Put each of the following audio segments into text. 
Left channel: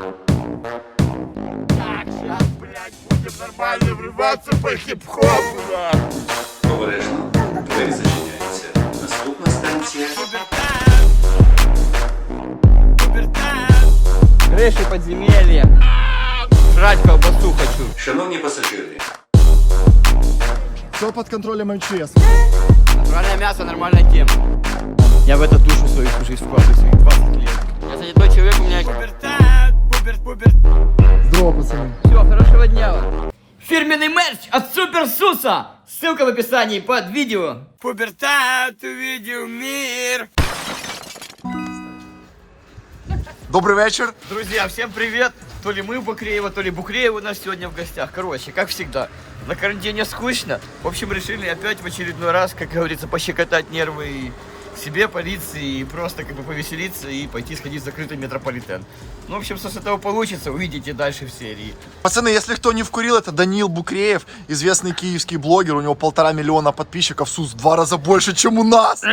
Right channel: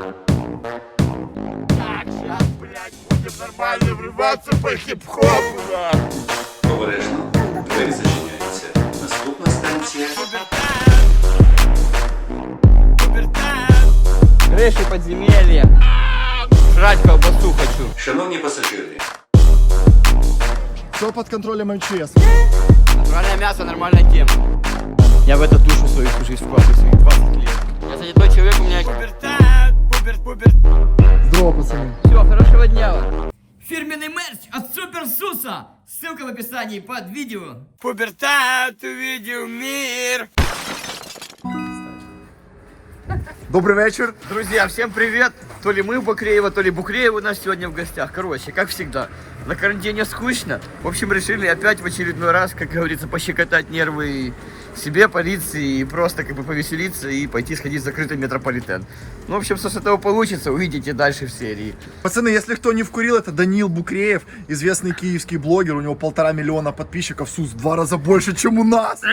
Так, сейчас, блядь, будем нормально врываться по хип-хопу, да. Обережно. Двері зачиняються. Наступна станція. Крыши подземелья. Жрать колбасу хочу. Шановні пасажири, Все под контролем МЧС. Натуральное мясо, нормальная тема. Я в это душу свою всю жизнь вкладываю, своих 20 лет. Я занятой человек, у меня... Здорово, пацаны. Все, хорошего дня вам. Фирменный мерч от Супер Суса. Ссылка в описании под видео. Пубертат увидел мир. Добрый вечер. Друзья, всем привет! То ли мы у Букреева, то ли Букреев у нас сегодня в гостях. Короче, как всегда, на карантине скучно. В общем, решили опять в очередной раз, как говорится, пощекотать нервы себе, полиции, и просто как бы повеселиться и пойти сходить в закрытый метрополитен. Ну, в общем, что с этого получится, увидите дальше в серии. Пацаны, если кто не вкурил, это Даниил Букреев, известный киевский блогер. У него 1,5 миллиона подписчиков, Сус, в 2 раза больше, чем у нас.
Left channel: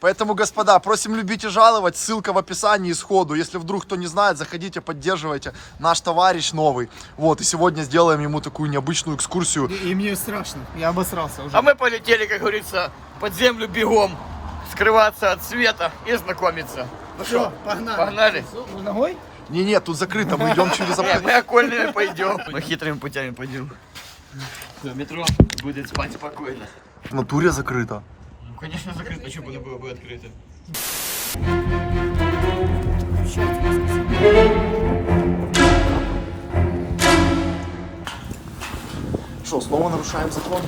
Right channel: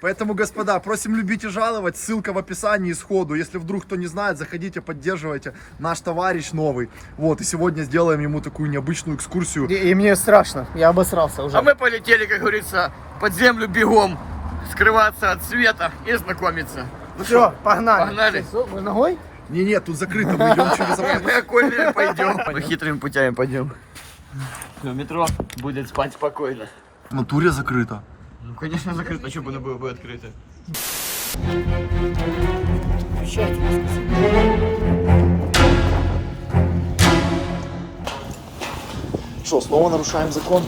Поэтому, господа, просим любить и жаловать. Ссылка в описании сходу. Если вдруг кто не знает, заходите, поддерживайте. Наш товарищ новый. Вот, и сегодня сделаем ему такую необычную экскурсию. И мне страшно, я обосрался уже. А мы полетели, как говорится, под землю бегом, скрываться от света и знакомиться. Ну Все, что, погнали. погнали? Мы ногой? Не-не, тут закрыто, мы идем через Мы окольными пойдем. Мы хитрыми путями пойдем. Все, метро будет спать спокойно. В натуре закрыто. Ну, конечно, закрыто, а что бы оно было бы открыто? Что, снова нарушаем закон?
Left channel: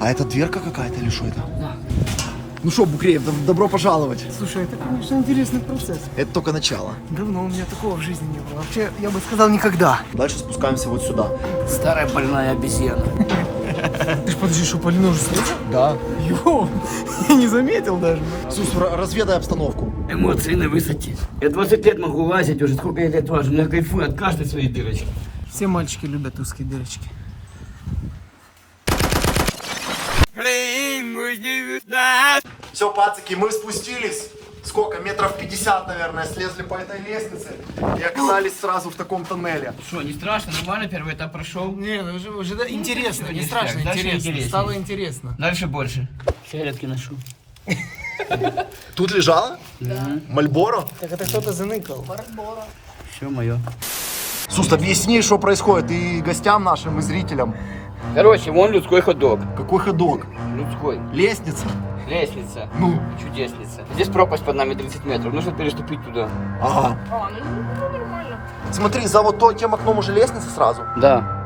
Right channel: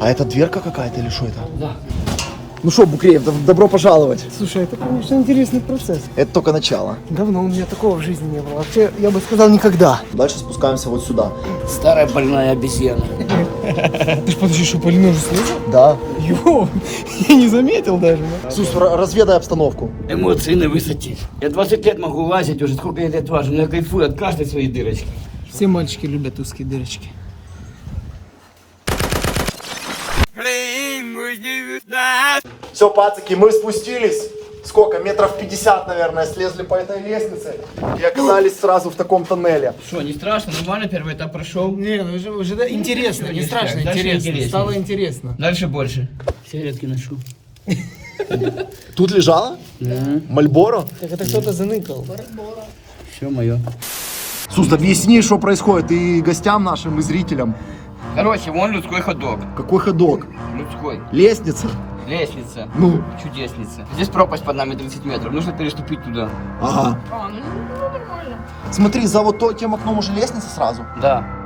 А это дверка какая-то или что это? Да. Ну что, Букреев, добро пожаловать. Слушай, это, конечно, интересный процесс. Это только начало. Давно у меня такого в жизни не было. Вообще, я бы сказал, никогда. Дальше спускаемся вот сюда. Старая больная обезьяна. Ты ж подожди, что, Полина уже слезет? Да. Йоу, я не заметил даже. Сус, разведай обстановку. Эмоции на высоте. Я 20 лет могу лазить уже, сколько я лет важу, но я кайфую от каждой своей дырочки. Все мальчики любят узкие дырочки. Все, пацаки, мы спустились. Сколько? Метров 50, наверное, слезли по этой лестнице и оказались сразу в таком тоннеле. Что, не страшно? Нормально первый этап прошел? Не, ну уже да, интересно, не страшно, Дальше интересно. интереснее. Стало интересно. Дальше больше. Сигаретки ношу. Тут лежала? Да. Мальборо? Так это кто-то заныкал. Все мое. Сус, объясни, что происходит и гостям нашим, и зрителям. Короче, вон людской ходок. Какой ходок? Людской. Лестница? Лестница. Ну? Чудесница. Здесь пропасть под нами 30 метров. Нужно переступить туда. Ага. Смотри, за вот тем окном уже лестница сразу. Да.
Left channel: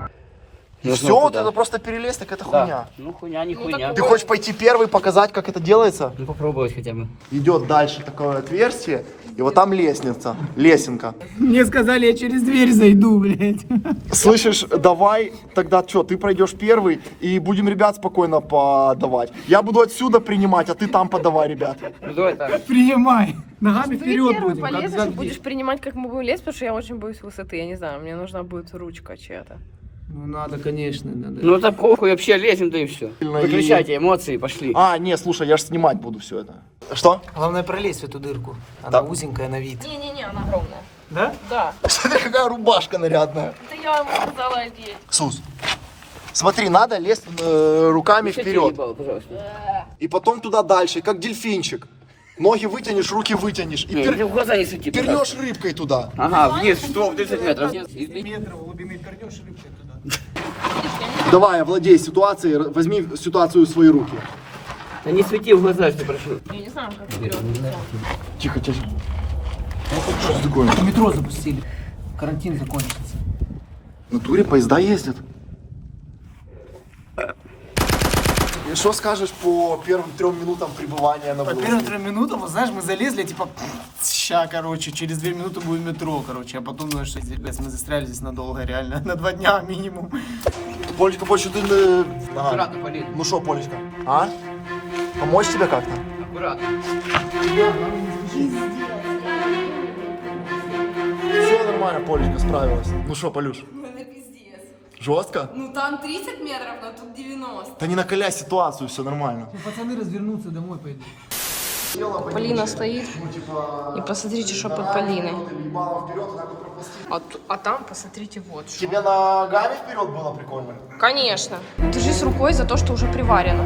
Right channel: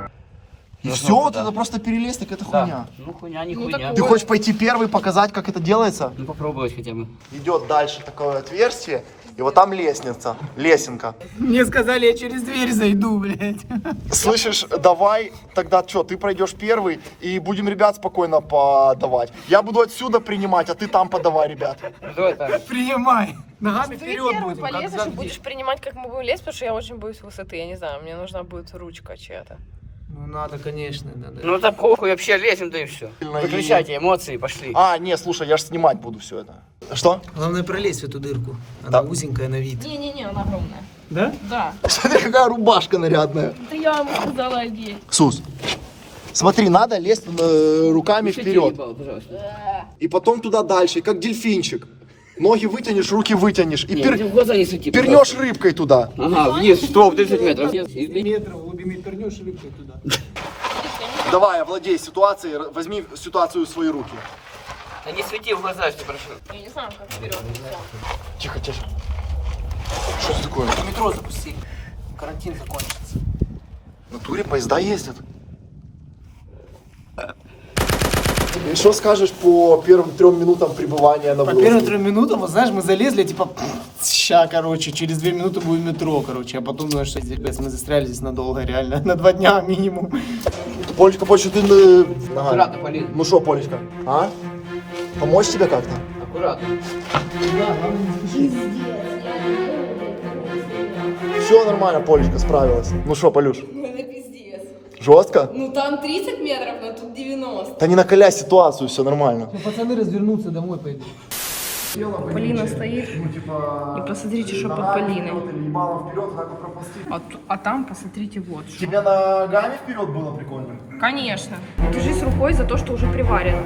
И все, вот это просто перелезть, так это хуйня. Ну хуйня, не хуйня. Ты хочешь пойти первый, показать, как это делается? Ну попробовать хотя бы. Идет дальше такое отверстие, и вот там лестница, лесенка. Мне сказали, я через дверь зайду, блядь. Слышишь, давай тогда что, ты пройдешь первый, и будем ребят спокойно подавать. Я буду отсюда принимать, а ты там подавай, ребят. Ну давай так. Принимай. Ногами Ты вперед первым будем. полезешь и будешь принимать, как мы будем лезть, потому что я очень боюсь высоты. Я не знаю, мне нужна будет ручка чья-то. Ну надо, конечно, надо. Ну так похуй, вообще лезем, да и все. Выключайте эмоции, пошли. А, не, слушай, я же снимать буду все это. Что? Главное пролезть в эту дырку. Она узенькая на вид. Не-не-не, она огромная. Да? Да. Смотри, какая рубашка нарядная. Это я ему сказала одеть. Сус, смотри, надо лезть руками вперед. Пожалуйста. И потом туда дальше, как дельфинчик. Ноги вытянешь, руки вытянешь. И Не, в глаза не свети, пирнешь пожалуйста. рыбкой туда. Ага, вниз, стоп, 30 метров. Давай, овладей ситуацией, возьми ситуацию в свои руки. Да не свети в глаза, что прошу. Я не знаю, как. Тихо, тихо. Что это такое? Метро запустили. Карантин закончился. В натуре поезда ездят. Что скажешь по первым 3 минутам пребывания на По вылазке? первым 3 минутам, вот знаешь, мы залезли, типа, ща, короче, через 2 минуты будет метро, короче, а потом, знаешь, что здесь, мы застряли здесь надолго, реально, на 2 дня минимум. Полечка, Полечка, ты... Аккуратно, Полин. Ну что, Полечка, а? Помочь тебе как-то? Аккуратно. Все нормально, Полечка справилась. Ну что, Полюш, Ну это пиздец. жестко? Ну там 30 метров, но тут 90. Да не накаляй ситуацию, все нормально. Ну, пацаны развернутся, домой пойдут. Полина стоит. И посмотрите, что под Полиной. А там посмотрите вот что. Тебе ногами вперед было прикольно? Конечно. Держись рукой за то, что уже приварено.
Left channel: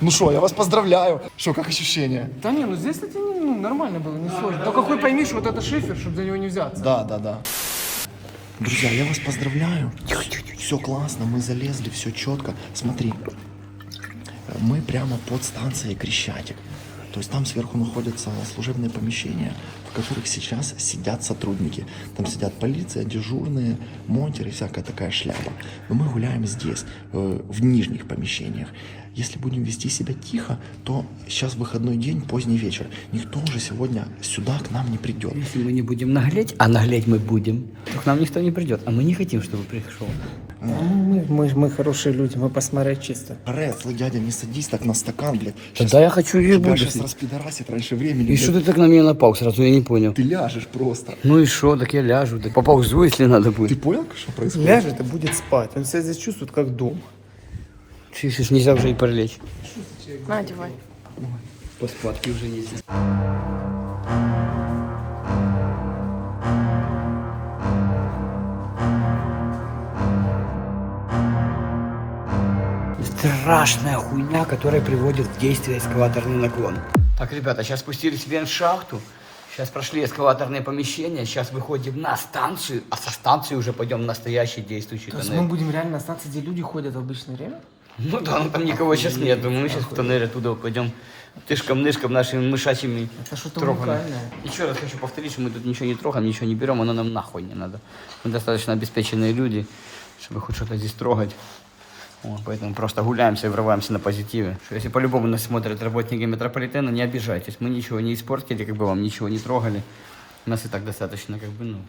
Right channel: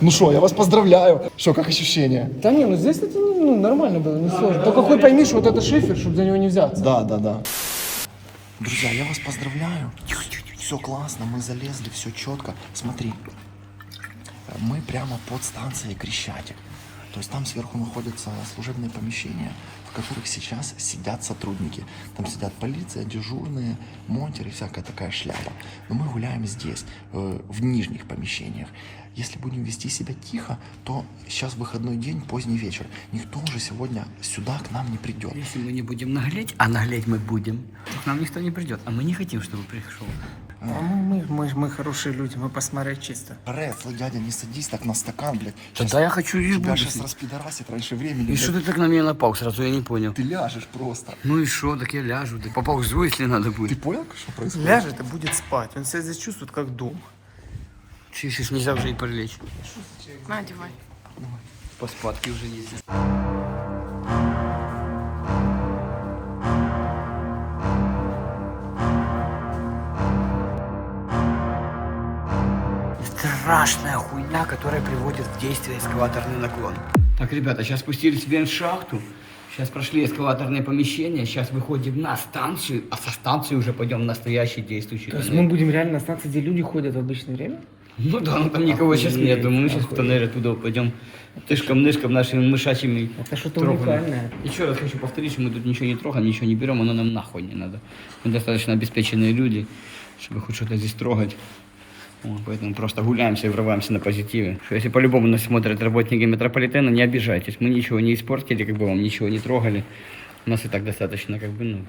Ну что, я вас поздравляю. Что, как ощущения? Да не, ну здесь это нормально было, не сложно. Только хуй пойми, что вот это шифер, чтобы за него не взяться. Да. Друзья, я вас поздравляю. Все классно, мы залезли, все четко. Смотри, мы прямо под станцией Крещатик. То есть там сверху находятся служебные помещения, в которых сейчас сидят сотрудники. Там сидят полиция, дежурные, монтеры, всякая такая шляпа. Но мы гуляем здесь, в нижних помещениях. Если будем вести себя тихо, то сейчас выходной день, поздний вечер. Никто уже сегодня сюда к нам не придет. Если мы не будем наглеть, а наглеть мы будем, то к нам никто не придет. А мы не хотим, чтобы пришел. Мы хорошие люди, мы посмотреть чисто. Рецлый, дядя, не садись так на стакан, блядь. Тогда я хочу и Тебя буду. сейчас распидорасит раньше времени. И блядь. что ты так на меня напал сразу, я не понял. Ты ляжешь просто. Ну и что, так я ляжу, так поползу, если надо Ты будет. понял, что происходит? Ляжет и будет спать. Он себя здесь чувствует как дома. Чувствуешь, нельзя уже и прилечь. На, одевай. По спадке уже нельзя. Страшная хуйня, которая приводит в действие эскалаторный наклон. Так, ребята, сейчас спустились в вентшахту. Сейчас прошли эскалаторные помещения. Сейчас выходим на станцию. А со станции уже пойдем в настоящий действующий То есть тоннель. мы будем реально на станции, где люди ходят в обычное время? Ну да, ну там никого сейчас нет. Мы сейчас в тоннель оттуда пойдем тышком-нышком нашими мышачьими. Это что-то тропами. уникальное. Еще раз хочу повторить, что мы тут ничего не трогаем, ничего не берем, оно нам нахуй не надо. Мы достаточно обеспеченные люди, чтобы хоть что-то здесь трогать. Вот, поэтому просто гуляемся и врываемся на позитиве. Что если по-любому нас смотрят работники метрополитена, не обижайтесь. Мы ничего не испортили, как бы вам ничего не трогали. У нас и так достаточно, как бы, ну,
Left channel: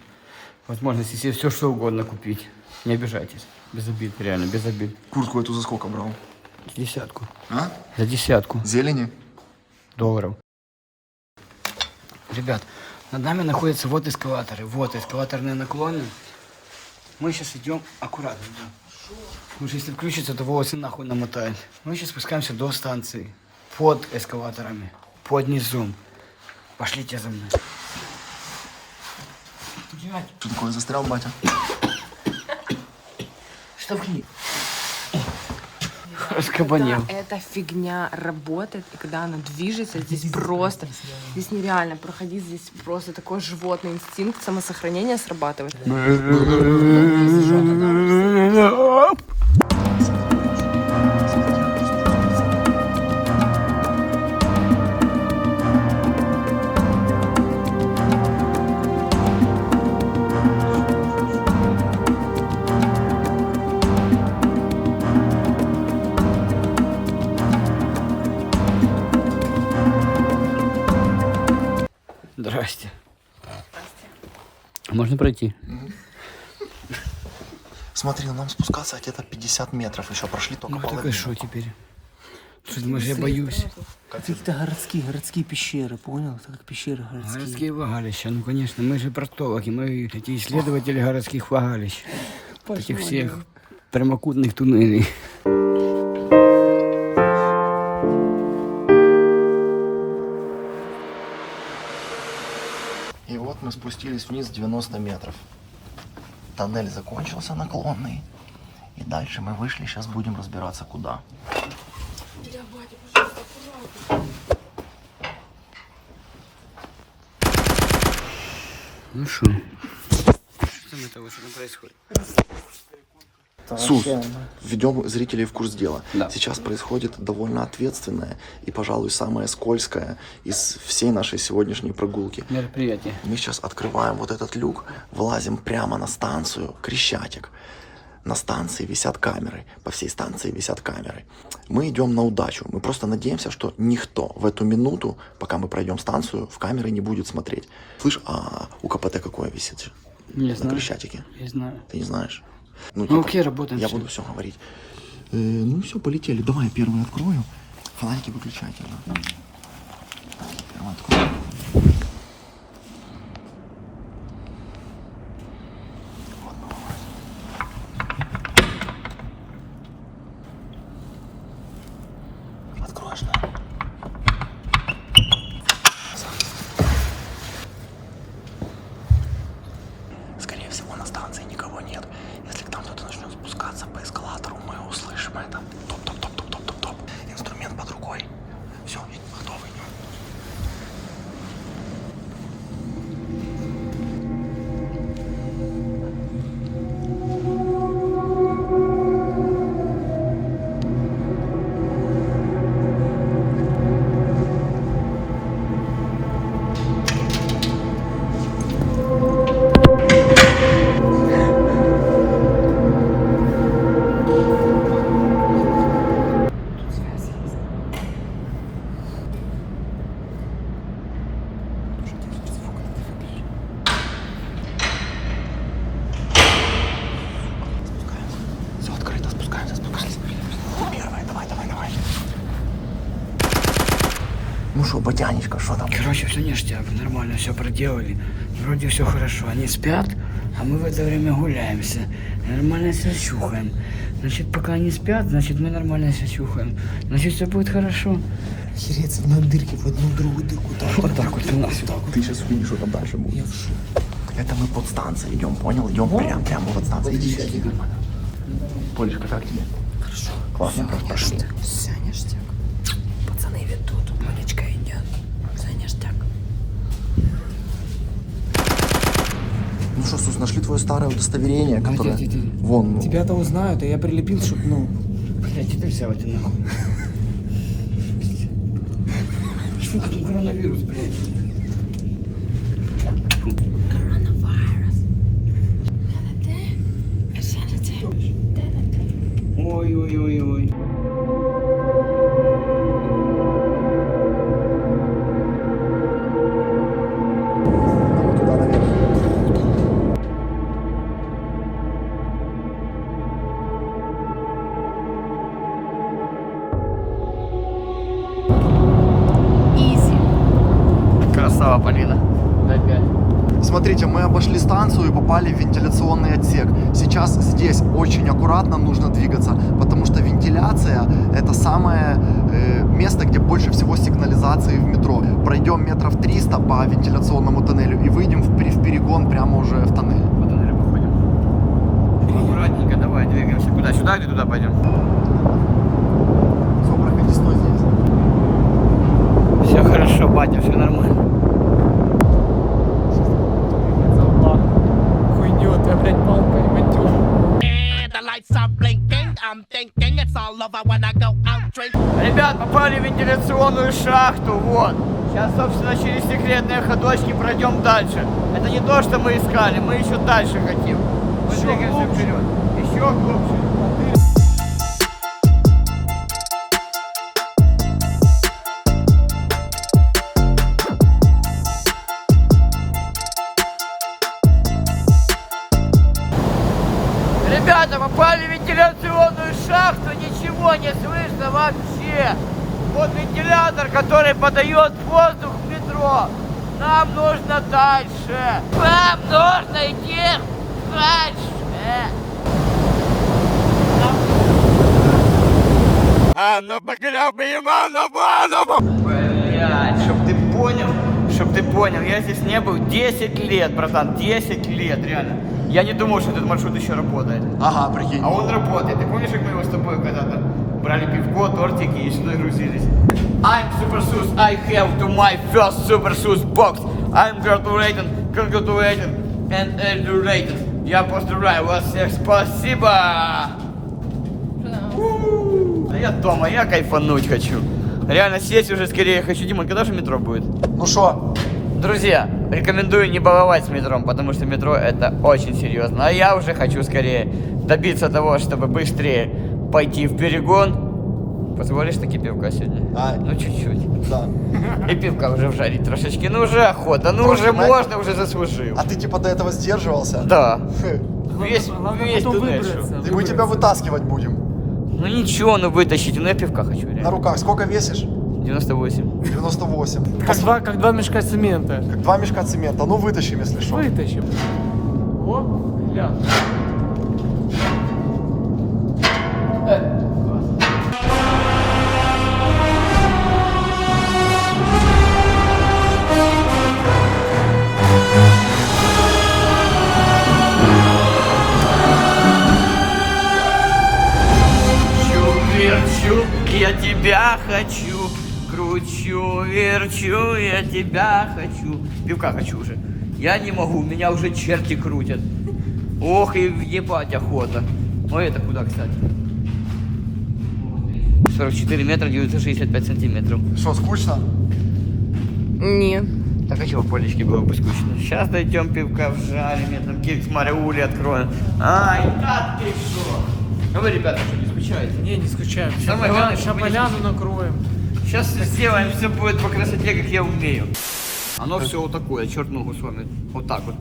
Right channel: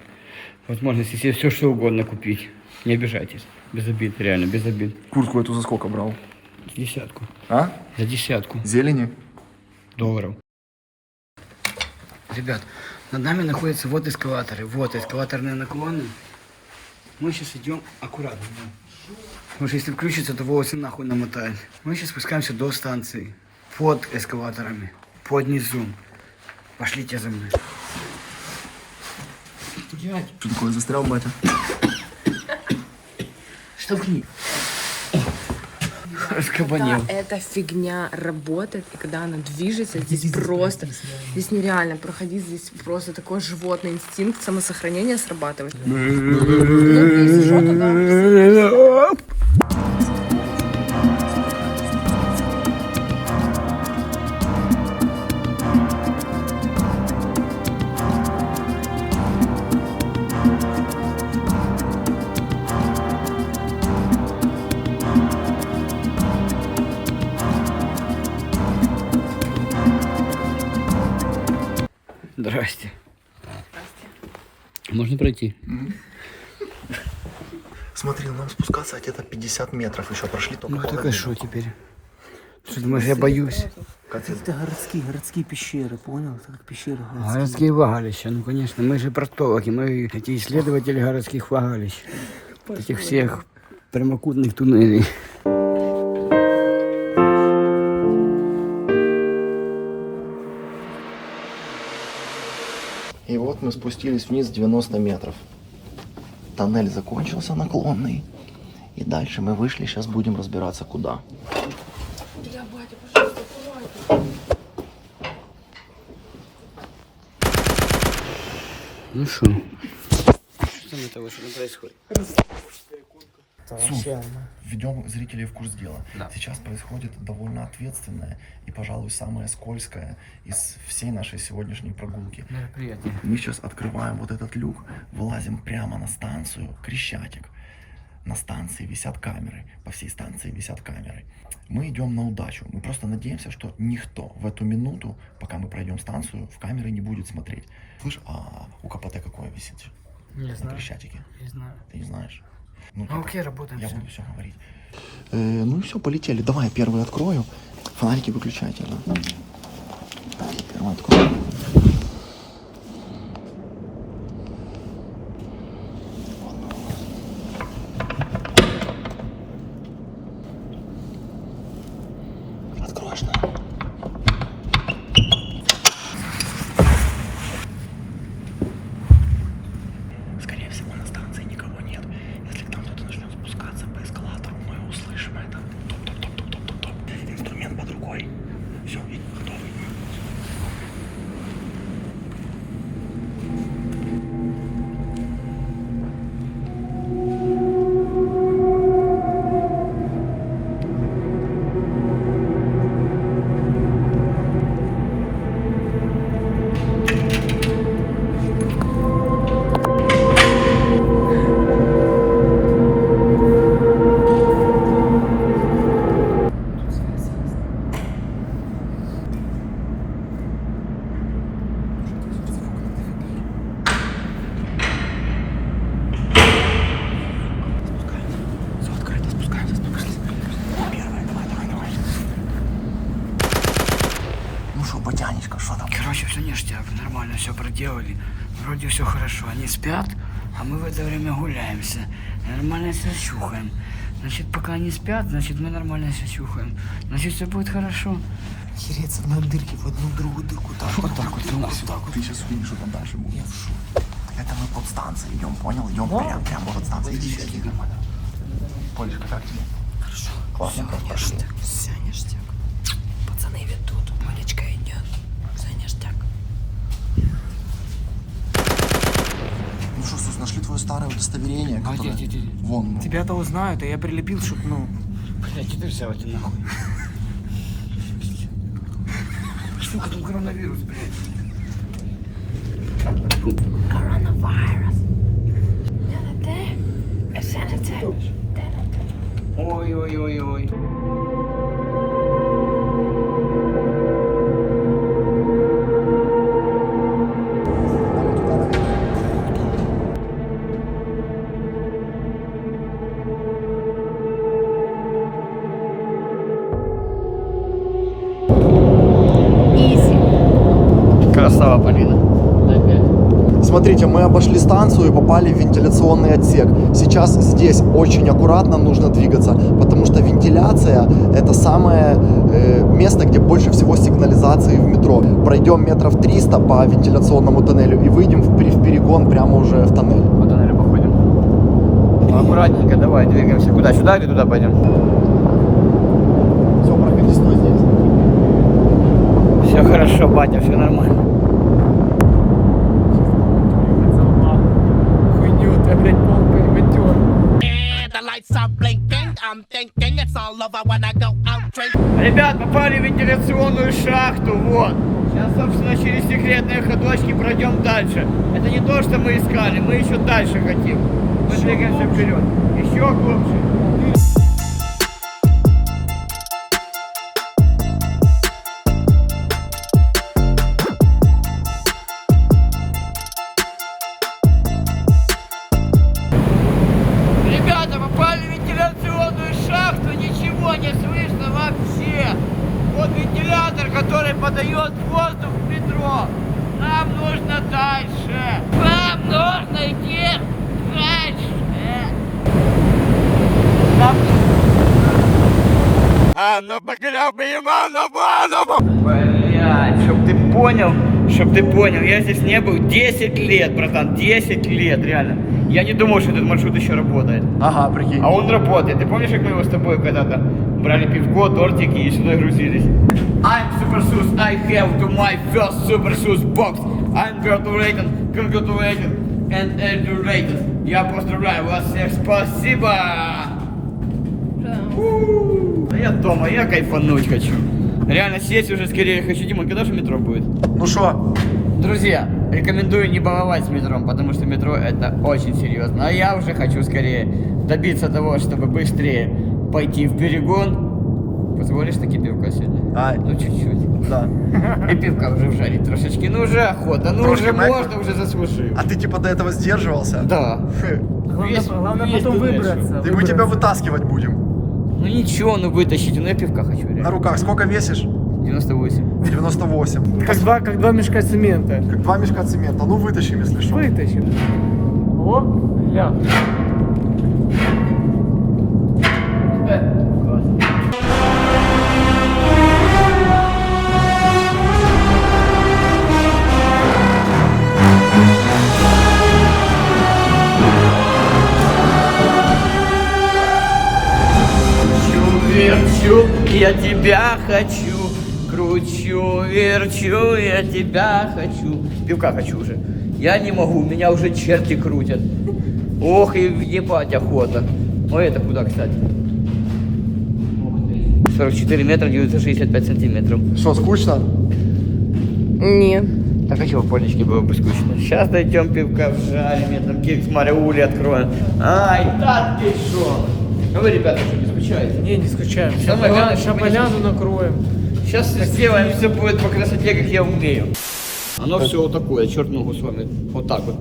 возможности себе все что угодно купить. Не обижайтесь. Без обид, реально, без обид. Куртку эту за сколько брал? За 10. А? За 10 Зелени? долларов. Ребят, над нами находятся вот эскалаторы, вот эскалаторные наклоны. Мы сейчас идем аккуратно. Да. Потому что если включится, то волосы нахуй намотают. Мы сейчас спускаемся до станции. Под эскалаторами. Под низом. Пошлите за мной. Дядь, Что такое, застрял, батя? штовхни. Раскабанел. Эта фигня работает, и когда она движется, здесь просто, здесь нереально проходить, здесь просто такой животный инстинкт самосохранения срабатывает. Здрасте. Можно пройти? Смотри, нам спускаться где-то 50 метров еще прошли только Ну так половину. и что теперь? Что думаешь, я боюсь? Это городские пещеры, понял? Это как пещеры городские. Городские влагалища, ну конечно, мы же проктологи, мы эти исследователи городских влагалищ. Этих всех прямокутных туннелей. И вот мы спустились вниз 90 метров. Тоннель закончился наклонный. И дальше мы вышли, сейчас будем разбираться куда. Ну что? Что там это что там происходит? Сус, введем зрителей в курс дела. Да. Сейчас происходит довольно ответственное и, пожалуй, самое скользкое из всей нашей сегодняшней прогулки. Мероприятие. Мы сейчас открываем вот этот люк, вылазим прямо на станцию Крещатик. На станции висят камеры, по всей станции висят камеры. Мы идем на удачу, мы просто надеемся, что никто в эту минуту, пока мы пройдем станцию, в камеры не будет смотреть. Слышь, а у КПТ какое висит? Не На знаю. Крещатике? Не знаю. Ты не знаешь? Ну окей, работаем. Я всё. буду все говорить. Ну все, полетели. Давай первый открою. Фонарики выключайте. Да. Первый открою. откроешь, да? Скорее всего, на станции никого нет. Если к нам кто-то начнет спускаться по эскалатору, мы услышим это. Топ-топ-топ-топ-топ-топ. Инструмент под рукой. Все, готовый. Все открыто, спускаемся, спускаемся. Первый, давай. Ну что, Батянечка, что там? Короче, все ништяк, нормально все проделали. Вроде все хорошо. Они спят, а мы в это время гуляемся. Нормально себя чухаем. Значит, пока они спят, значит, мы нормально себя чухаем. Значит, все будет хорошо. Хереться на дырки в одну другую дырку. Вот так вот. Вот так вот. Ты сейчас увидишь, что там дальше будет. Это мы под станцией идем, понял? Идем прямо под станцией. Иди. Полечка, как тебе? Хорошо. Классно. Ништяк, все ништяк. Пацаны ведут, Полечка идет. Все ништяк. Ну что, Сус, нашли твое старое удостоверение, которое... где? Вон. Тебя-то узнают, а я прилепил, чтоб, ну... Кстати, ты взял это нахуй. Штука там коронавирус, блядь. Коронавирус. Ой-ой-ой-ой. Изи. Красава, Полина. Опять. Смотрите, мы обошли станцию и попали в вентиляционный отсек. Сейчас здесь очень аккуратно нужно двигаться, потому что вентиляция — это самое место, где больше всего сигнализации в метро. Пройдем метров 300 по вентиляционному тоннелю и выйдем в перегон прямо уже в тоннель. Вот тоннель походим. Аккуратненько, давай, двигаемся. Куда? Сюда или туда пойдем? Все, проходи, стой здесь. Все хорошо, батя, все нормально. Хуйню, ты опять палкой метер. The lights are blinking, I'm thinking it's all over when I go out drinking. Ребят, попали в вентиляционную шахту, вот. Сейчас, собственно, через секретные ходочки пройдем дальше. Это не то, что мы искали, мы еще дальше хотим. Мы двигаемся вперед. Еще глубже. Ребята, попали в вентиляционную шахту, ничего не слышно вообще. Вот вентилятор, который подает воздух в метро. Нам нужно дальше. Нам нужно идти дальше. А ну погребаем, а ну. Блядь, чтоб ты понял, я здесь не был 10 лет, братан, 10 лет, реально. Я не думал, что этот маршрут еще работает. Ага, прикинь. А он работает. Ты помнишь, как мы его с тобой когда-то брали пивко, тортики и сюда грузились? I'm Super Sus, I have to my first Super Sus box. I'm congratulated and educated. Я поздравляю вас всех, спасибо! Да я дома, я кайфануть хочу. Реально сесть уже скорее хочу. Дима, когда же метро будет? Ну что? Друзья, рекомендую не баловать с метром, потому что метро это очень серьезно. А я уже хочу скорее добиться того, чтобы быстрее пойти в перегон. Позволишь таки пивка сегодня? Да. Ну чуть-чуть. Да. И пивка уже вжарить трошечки. Ну уже охота, ну Тоже уже мы- можно, уже заслужил. А ты типа до этого сдерживался? Да. Главное Весь потом туда выбраться. И мы тебя вытаскивать будем. Ну ничего, ну вытащите, ну я пивка хочу На реально. руках. Сколько весишь? 98. 98. Как два мешка цемента. 2 мешка цемента. Ну вытащим, если что. Вытащим. О, ля. верчу, я тебя хочу. Кручу, верчу, я тебя хочу. Пивка хочу уже. Я не могу, меня уже черти крутят. Ох, и ебать охота. Ой, это куда, кстати? 44 метра, 965 сантиметров. Что, скучно? Нет. Так а чего в полечке было бы скучно? Сейчас дойдем пивка в жаре, мне там кекс Мариули откроем. Ай, да ты что? Ну вы, ребята, что, не скучаете? Не, не скучаем. Самое главное, Сейчас чтобы не поляну скучать. накроем. Сейчас сделаем, все будет по красоте, как я умею. Оно все вот такое, черт ногу с вами. Вот так вот.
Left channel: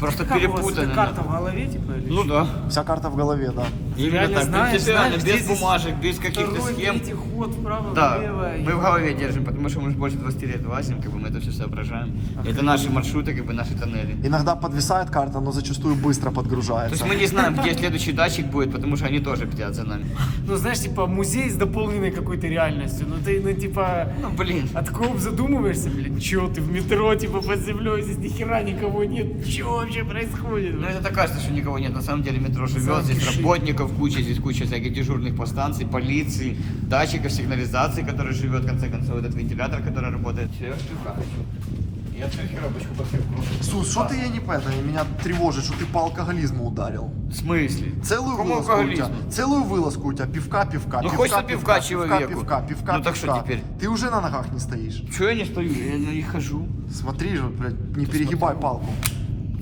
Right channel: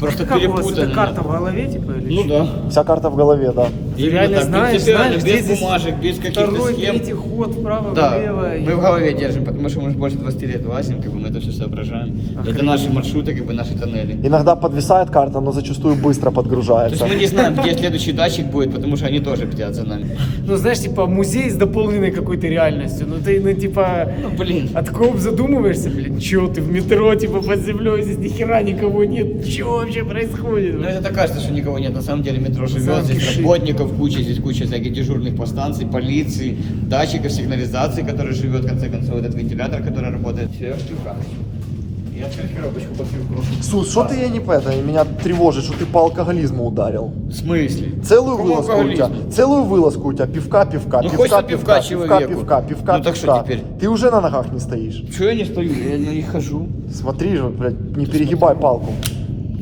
Просто Как у вас эта перепутано. карта в голове, типа, или Ну да. Вся карта в голове, да. Именно реально так, знаешь, принципиально, где без здесь бумажек, без каких-то второй, схем. третий ход вправо, Да, влево. мы в голове держим, потому что мы уже больше 20 лет лазим, как бы мы это все соображаем. Это наши маршруты, как бы наши тоннели. Иногда подвисает карта, но зачастую быстро То подгружается. есть мы не знаем, где следующий датчик будет, потому что они тоже бдят за нами. Ну, знаешь, типа, музей с дополненной какой-то реальностью. Ну, ты, ну, типа, Ну блин. от кого задумываешься, блин, чё ты в метро, типа, под землей, здесь ни хера никого нет. Чё вообще происходит? Ну это так кажется, что никого нет. На самом деле метро живет, Замки здесь шире. работников куча, здесь куча всяких дежурных по станции, полиции, датчиков сигнализации, который живет, в конце концов, этот вентилятор, который работает. Все, я пивка хочу. Я открыть коробочку по пивку. Сус, что ты я не это, меня тревожит, что ты по алкоголизму ударил. В смысле? Целую Какому вылазку у тебя, алкоголизму? целую вылазку у тебя, пивка, Ну, хочется пивка человеку. пивка, Ну, так что пивка. теперь? Ты уже на ногах не стоишь. Чего я не стою? Я на них хожу. Смотри же, блядь, не перегибай палку.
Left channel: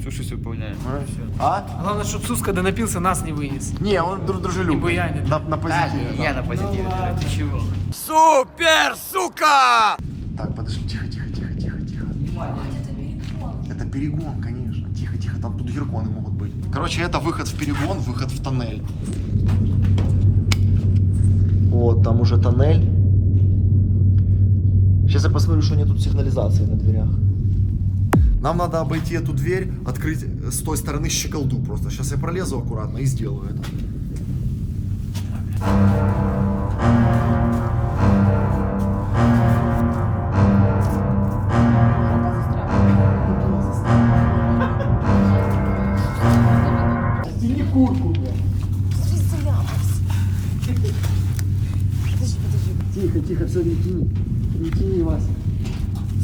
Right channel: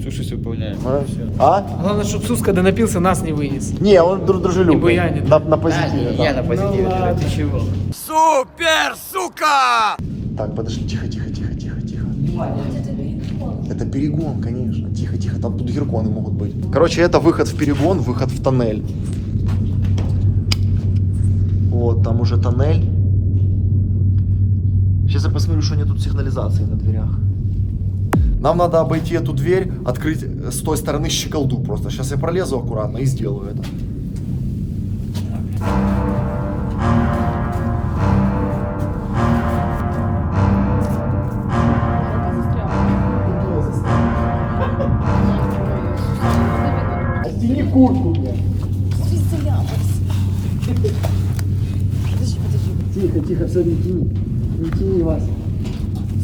Суши выполняю. А? Главное, чтобы Сус, когда напился, нас не вынес. Не, он дружелюбный. Не буянит. На Да, позитиве. не, да. я на позитиве. Ну, ты ладно. чего? Супер, сука! Так, подожди, тихо. Это перегон, конечно. Тихо, там тут гирконы могут быть. Короче, это выход в перегон, выход в тоннель. Вот, там уже тоннель. Сейчас я посмотрю, что нет тут сигнализации на дверях. Нам надо обойти эту дверь, открыть с той стороны щеколду просто. Сейчас я пролезу аккуратно и сделаю это. Оттяни куртку, блядь. Тихо, все, не тяни. Не тяни вас.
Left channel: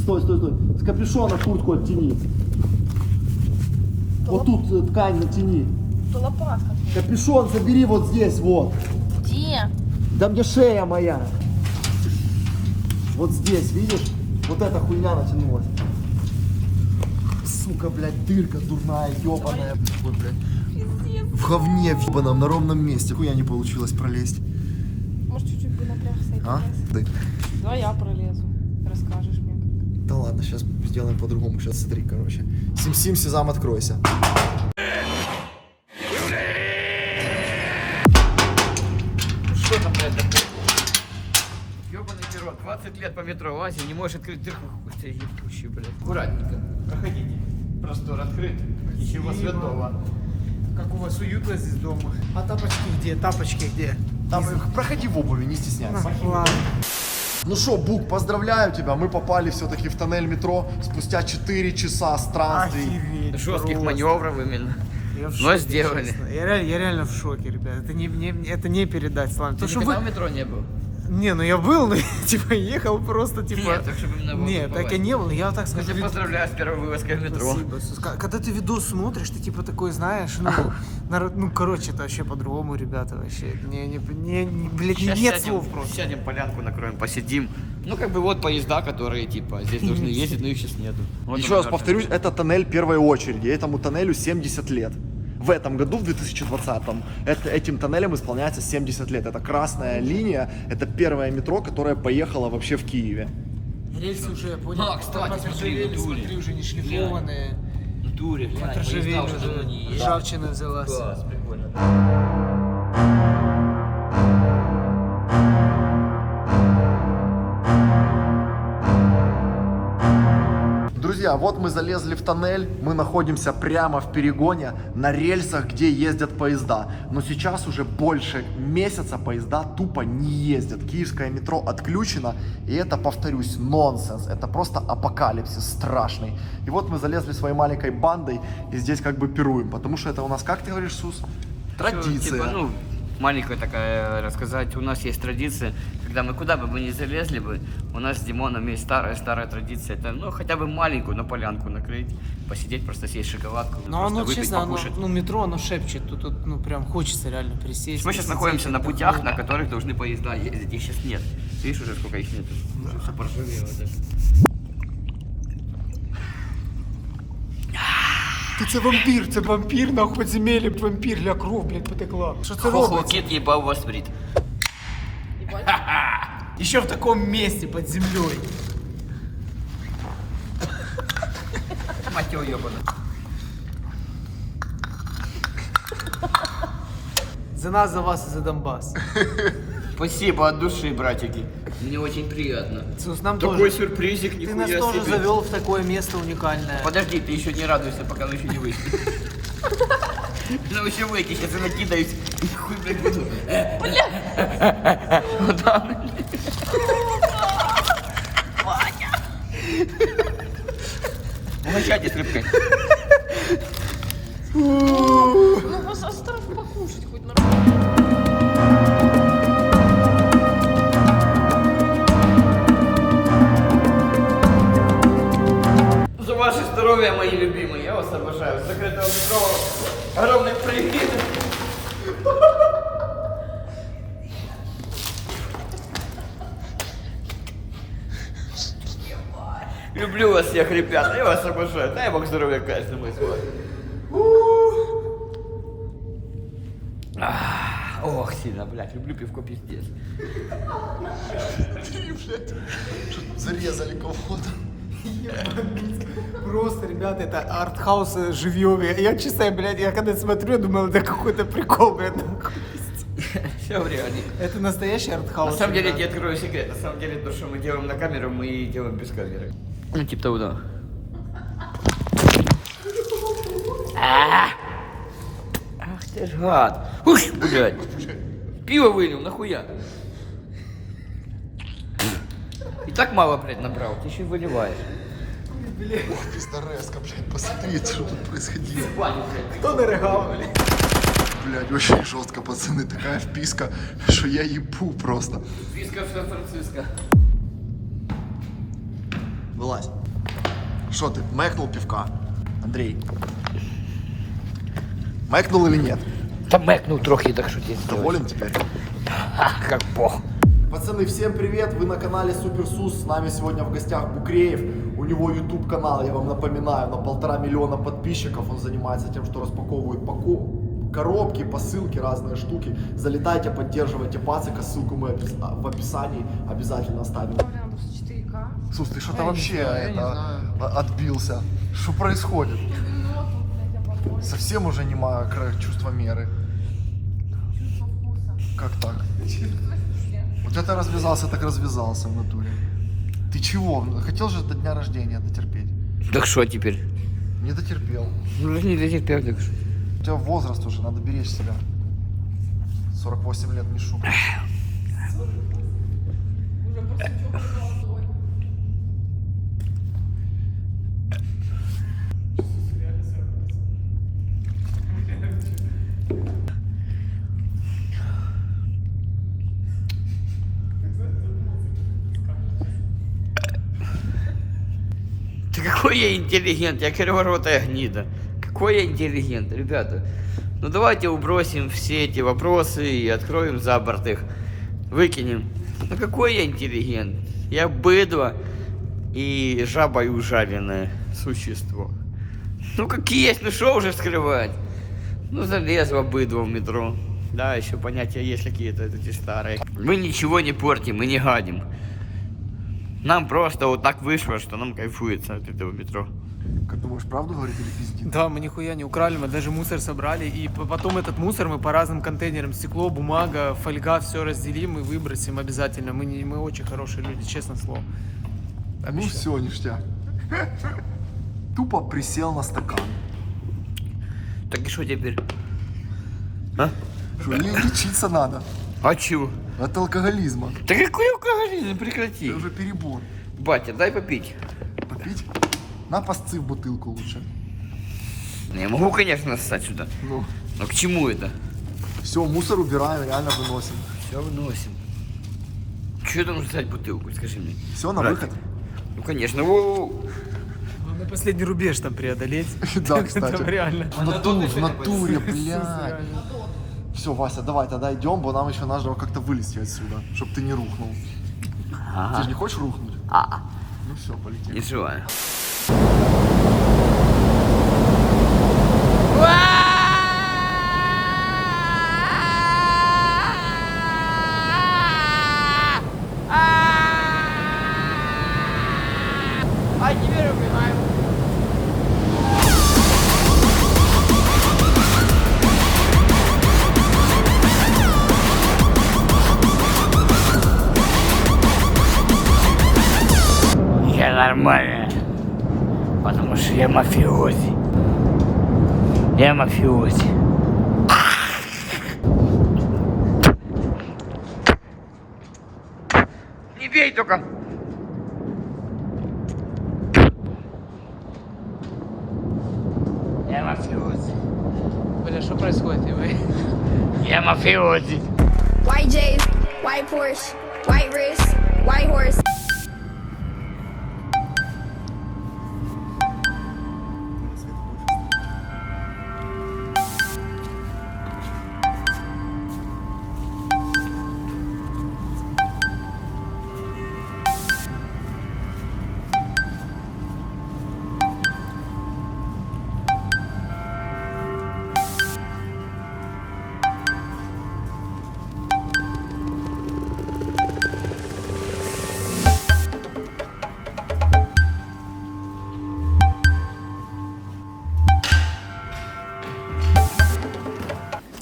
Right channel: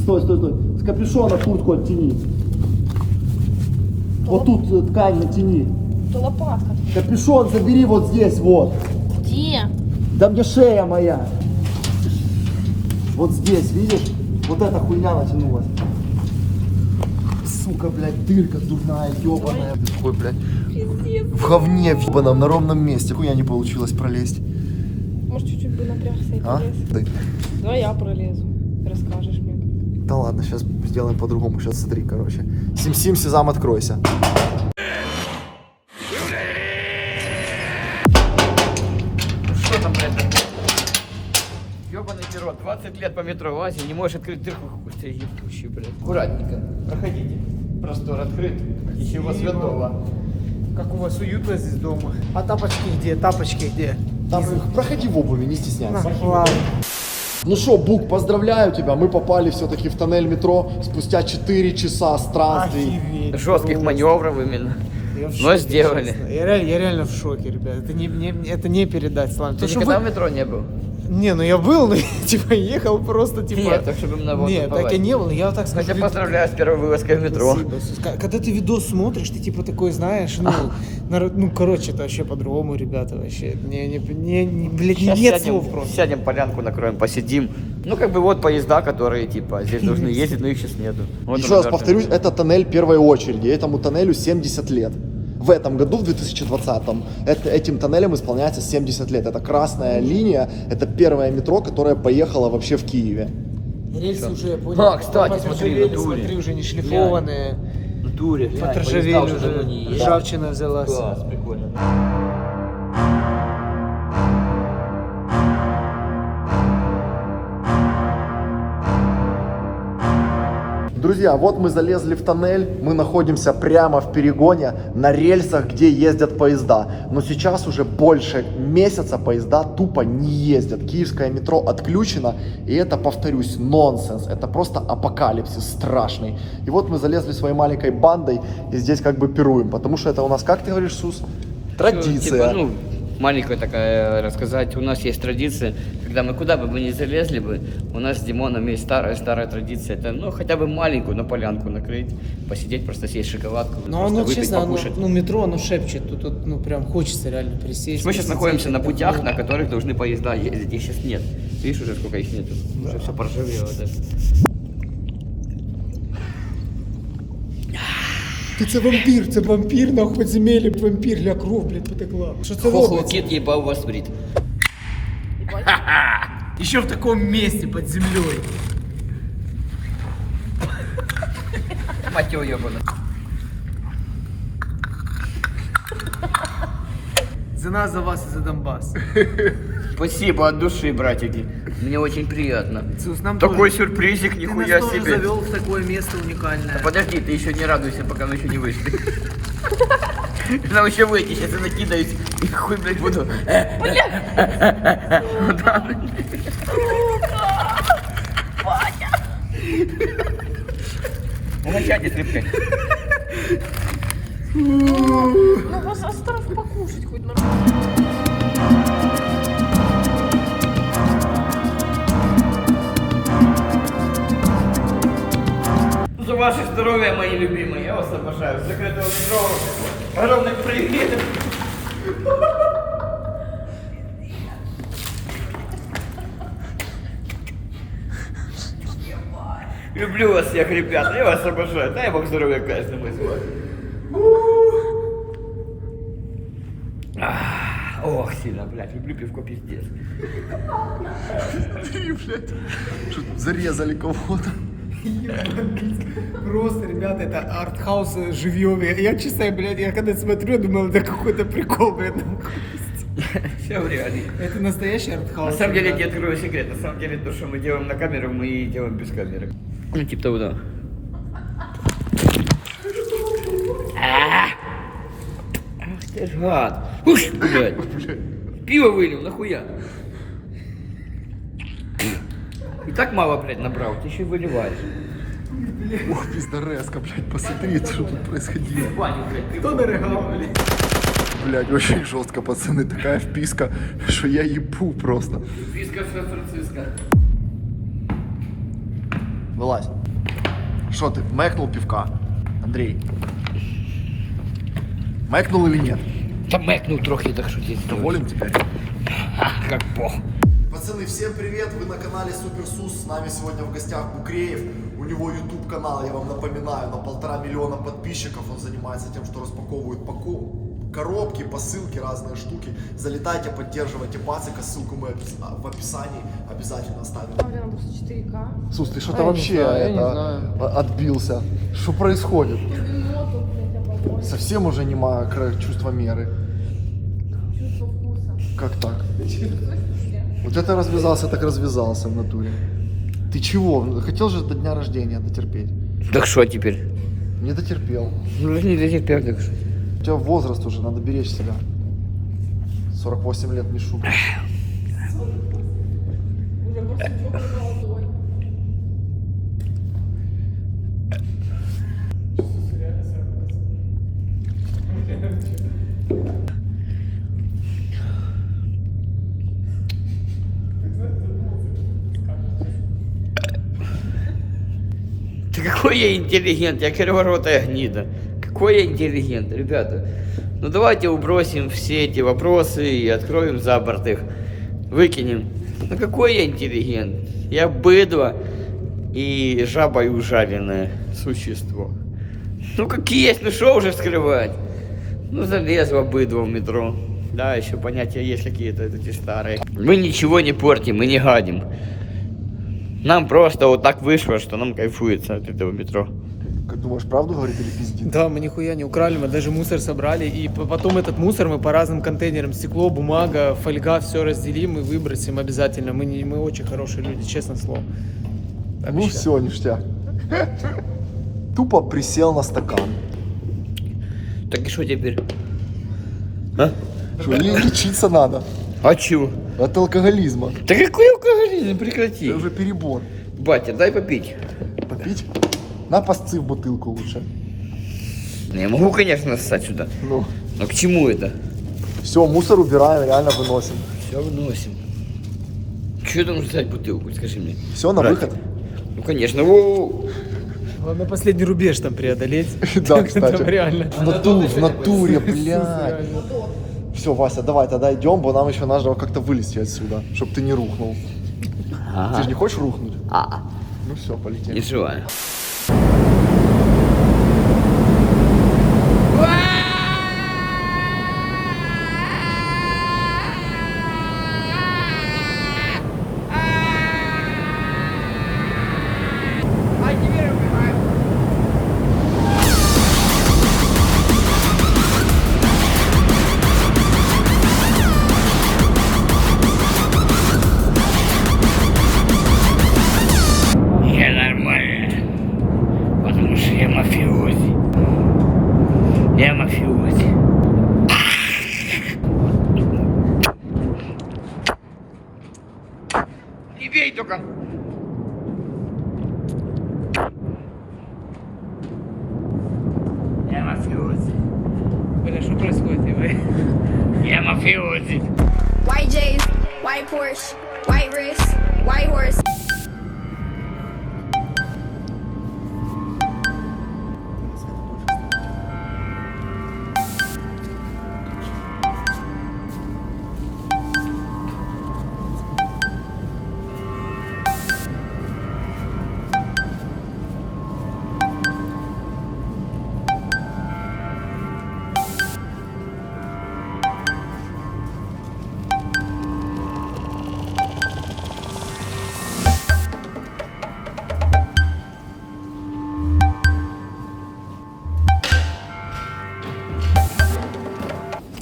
Стой. С капюшона куртку оттяни. Вот тут ткань натяни. Это лопатка. Капюшон забери вот здесь, вот. Где? Да мне шея моя. Вот здесь, видишь? Вот эта хуйня натянулась. Сука, блядь, дырка дурная, ебаная. Ой, блядь. В говне ебаном, на ровном месте. Хуя не получилось пролезть. Может, чуть-чуть бы напрягся. А? Да. Ну, я пролезу. Расскажешь мне. Да ладно, сейчас сделаем по-другому. Сейчас смотри, короче. Сим-сим, сезам, откройся. Что там, блядь? Ёбаный перо, 20 лет по метро лазим, не можешь открыть дырку. Ух ты, ебучий, блядь. Аккуратненько, проходите. Простор открыт, ничего святого. Как у вас уютно здесь дома. А тапочки где? Тапочки где? Там, проходи в обуви, не стесняйся. Ладно. Ну что, Бук, поздравляю тебя. Мы попали все-таки в тоннель метро спустя 4 часа странствий. Охереть. Жестких просто. маневров именно. Я в Но шоке, сделали. честно. Я реально в шоке, ребят. Это не передать словами. Ты Потому что никогда вы- в метро не был? Не, ну я был, но типа ехал просто типа. Нет, так чтобы именно вот Нет, так и не было. Я вот так Я скажу. тебя поздравляю с первой вылазкой в метро. Спасибо, Сус. Когда ты видос смотришь, ты типа такой знаешь, ну короче, это вообще по-другому, ребята, вообще. Блядь, Сейчас нет сядем, слов просто. Сядем, полянку накроем, посидим. Ну, как бы вот поезда, которые, типа, здесь должны ездить, но их сейчас нету. Вот Еще он раз даже. повторюсь, это тоннель первой очереди. Этому тоннелю 70 лет. В этом году, в 2020-м, этим тоннелем исполняется 70 лет. Это красная линия, это первое метро, которое поехало вообще в Киеве. Рельсы уже, я понял. А, кстати, смотри, в натуре. смотри, уже не шлифованные. В натуре, глянь, Подржавели поезда уже, давно не ездят. ржавчина взялась. Класс, прикольно. Да. Друзья, вот мы залезли в тоннель, мы находимся прямо в перегоне на рельсах, где ездят поезда. Но сейчас уже больше месяца поезда тупо не ездят. Киевское метро отключено, и это, повторюсь, нонсенс. Это просто апокалипсис страшный. И вот мы залезли своей маленькой бандой и здесь как бы пируем, потому что это у нас, как ты говоришь, Сус? Традиция. Типа, ну, маленькая такая рассказать. У нас есть традиция, когда мы куда бы мы ни залезли бы, у нас с Димоном есть старая традиция. Это, ну, хотя бы маленькую, но полянку накрыть, посидеть, просто съесть шоколадку, Ну, просто оно, выпить, честно, покушать. ну, метро, оно шепчет. Тут, ну, прям хочется реально присесть. Мы сейчас посидеть, находимся на путях, отдохнуть. на которых должны поезда ездить. Их сейчас нет. Видишь уже, сколько их нету? Уже все поржавело даже. Це вампір, нахуй подземелье, вампір, ля кров, блядь, потекла. Що це робиться? Хохлокит ебал вас брит. Еще в таком месте, под землей. Мать его ебаная. За нас, за вас и за Донбасс. Спасибо от души, братики. Мне очень приятно. Сус, нам Такой тоже- сюрпризик, Ты нихуя нас тоже себе. завел в такое место уникальное. Подожди, ты еще не радуйся, пока мы еще не вышли. Нам еще выйти, сейчас я накидаюсь и хуй, блядь, буду. Вот так. Угощайтесь рыбкой. За ваше здоровье, мои любимые, я вас обожаю. С закрытого метро огромный привет. Люблю вас всех, ребята, я вас обожаю. Дай Бог здоровья каждому из вас. Ох, сильно, блядь, люблю пивко пиздец. Зарезали кого-то. Просто, ребята, это артхаус живьевый. Я честно, блядь, я когда смотрю, я думал, это какой-то прикол, блядь. Все в реале. Это настоящий артхаус. На самом деле, я ребята. тебе открою секрет. На самом деле, то, что мы делаем на камеру, мы делаем без камеры. Ну, типа того, да. Ах ты ж гад. Ух, блядь. Пиво вылил, нахуя? И так мало, блядь, набрал, ты еще и выливаешь. Ух, пиздареска, блядь, посмотри, что тут происходило. Кто дорогал, блядь? Блядь, очень жестко, пацаны, такая вписка, что я ебу просто. Виска в Сан-Франциско. Вылазь. Что ты, мэкнул пивка? Андрей. Мэкнул или нет? Та мэкнул трохи, так что здесь. Доволен теперь? Как бог. Пацаны, всем привет! Вы на канале Суперсус. С нами сегодня в гостях Букреев. У него YouTube канал, я вам напоминаю, на 1,5 миллиона подписчиков. Он занимается тем, что распаковывает коробки, посылки, разные штуки. Залетайте, поддерживайте пацика. Ссылку мы в описании обязательно оставим. Сус, ты что-то вообще отбился. Что происходит? Совсем уже нема чувства меры. Как так? Вот это развязался, так развязался в натуре. Ты чего? Хотел же до дня рождения дотерпеть. Так что теперь? Не дотерпел. Ну, не дотерпел, так что. У тебя возраст уже, надо беречь себя. 48 лет не шутка. Ты какой я интеллигент, я криворотая гнида. Какой я интеллигент, ребята. Ну давайте убросим все эти вопросы и откроем за борт их. Выкинем. Ну какой я интеллигент? Я быдло и жабой ужаленное существо. Ну как есть, ну что уже скрывать? Ну залезло быдло в метро. Да, еще понятия есть какие-то эти старые. Мы ничего не портим, мы не гадим. Нам просто вот так вышло, что нам кайфуется от этого метро. Как думаешь, правду говорит или пиздит? Да, мы нихуя не украли, мы даже мусор собрали, и потом этот мусор мы по разным контейнерам, стекло, бумага, фольга, все разделим и выбросим обязательно. Мы очень хорошие люди, честное слово. Ну все, ништяк. Тупо присел на стакан. Так и что теперь? А? Что, лечиться надо. А чего? От алкоголизма. Да какой алкоголизм, прекрати. Это уже перебор. Батя, дай попить. Попить? На пасцы в бутылку лучше. Я могу, конечно, ссать сюда. Ну, Но к чему это? Все, мусор убираем, реально выносим. Все выносим. Что там ждать бутылку, скажи мне? Все, на Братик. выход? Ну, конечно. Воу. Главное последний рубеж там преодолеть. Да, кстати. Там реально. В натуре, бля. Все, Вася, давай тогда идем, бо нам еще надо как-то вылезти отсюда, чтобы ты не рухнул. Ты же не хочешь рухнуть? Ну все, полетели. Не живая. А теперь убиваем. Я нормально, потому что я мафиози. Я мафиози. Не бей только. Я мафиози. Бля, что происходит? Я мафиози. White J's, white Porsche, white wrist, white horse.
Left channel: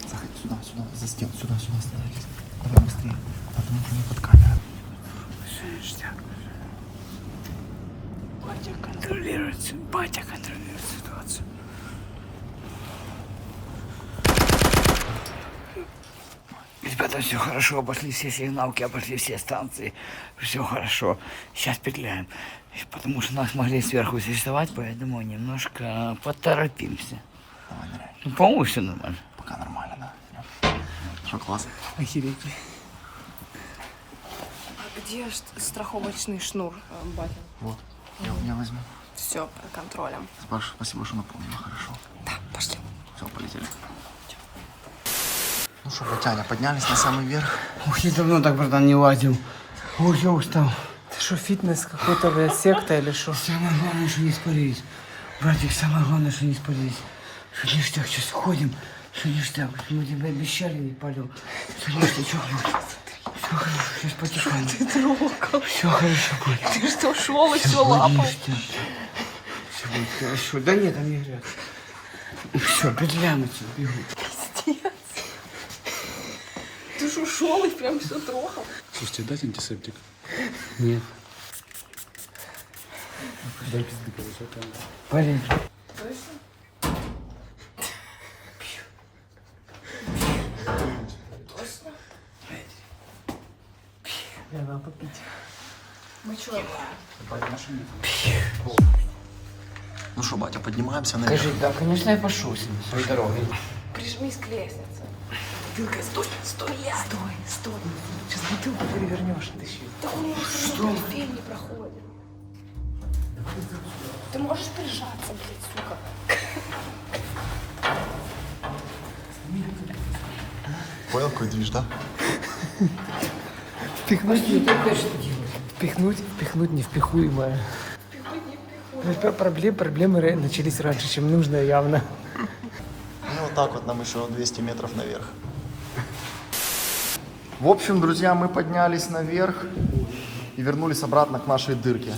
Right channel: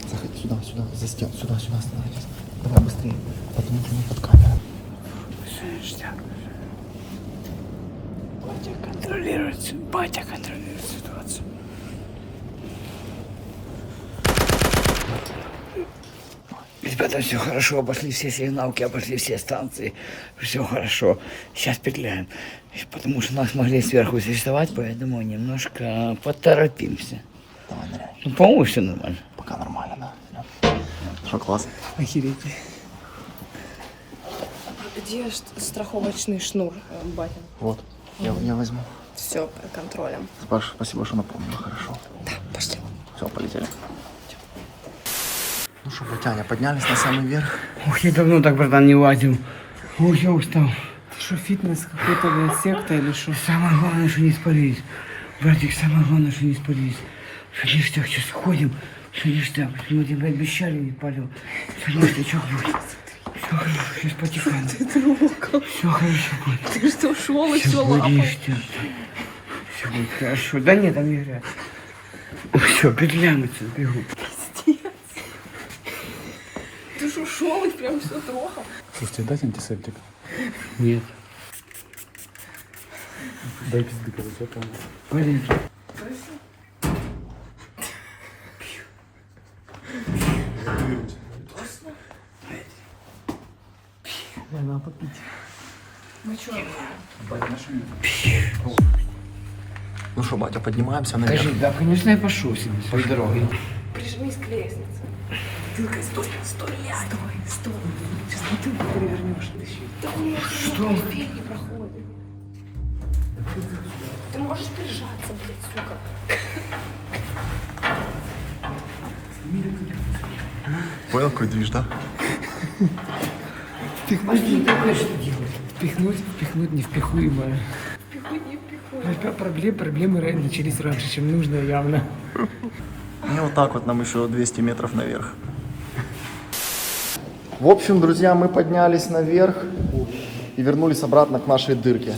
Заходи сюда, сюда, за стену, сюда, сюда остановитесь. Давай быстрее, потому что мы под камерой. Батя контролирует ситуацию. Ребята, все хорошо, обошли все сигналки, обошли все станции, все хорошо. Сейчас петляем, потому что нас могли сверху арестовать, поэтому немножко поторопимся. Давай, ныряй. Ну, по-моему, все нормально. Пока нормально, да. Что, класс? Охереть. Где страховочный шнур, батя? Вот, я возьму. Все под контролем. Паш, спасибо, что напомнила, хорошо. Да, пошли. Все, полетели. Ну что, Батяня, поднялись на самый верх. Ух, я давно так, братан, не лазил. Ой, я устал. Ты что, фитнес какой-то, блядь, секта или что? Самое главное, что не спалились. Братик, самое главное, что не спалились. Что ништяк, сейчас ходим. Что ништяк, мы тебе обещали, не палил. Что ништячок будет. Все хорошо, сейчас потекаем. Ты трогал. Все хорошо будет. Ты что, шел и Все все будет лапал? ништяк. Все будет хорошо. Да нет, там не грязь. Все, петляем отсюда, бегу. Ты что, шел и прям все трогал? Слушайте, дать антисептик? Нет. Дай пизды, короче, это... Полез. Ну что, батя, поднимаемся наверх. Скажи, да, конечно, я пошел себе по дороге. Прижмись к лестнице. Юлька, стой, стой, стой, стой. Сейчас бутылку перевернешь. Да у меня что? Не проходит. Ты можешь прижаться, блядь, сука. Понял, какой движ, да? Впихнуть невпихуемое. Проблемы начались раньше, чем нужно, явно. И вот так вот нам еще 200 метров наверх. В общем, друзья, мы поднялись наверх и вернулись обратно к нашей дырке.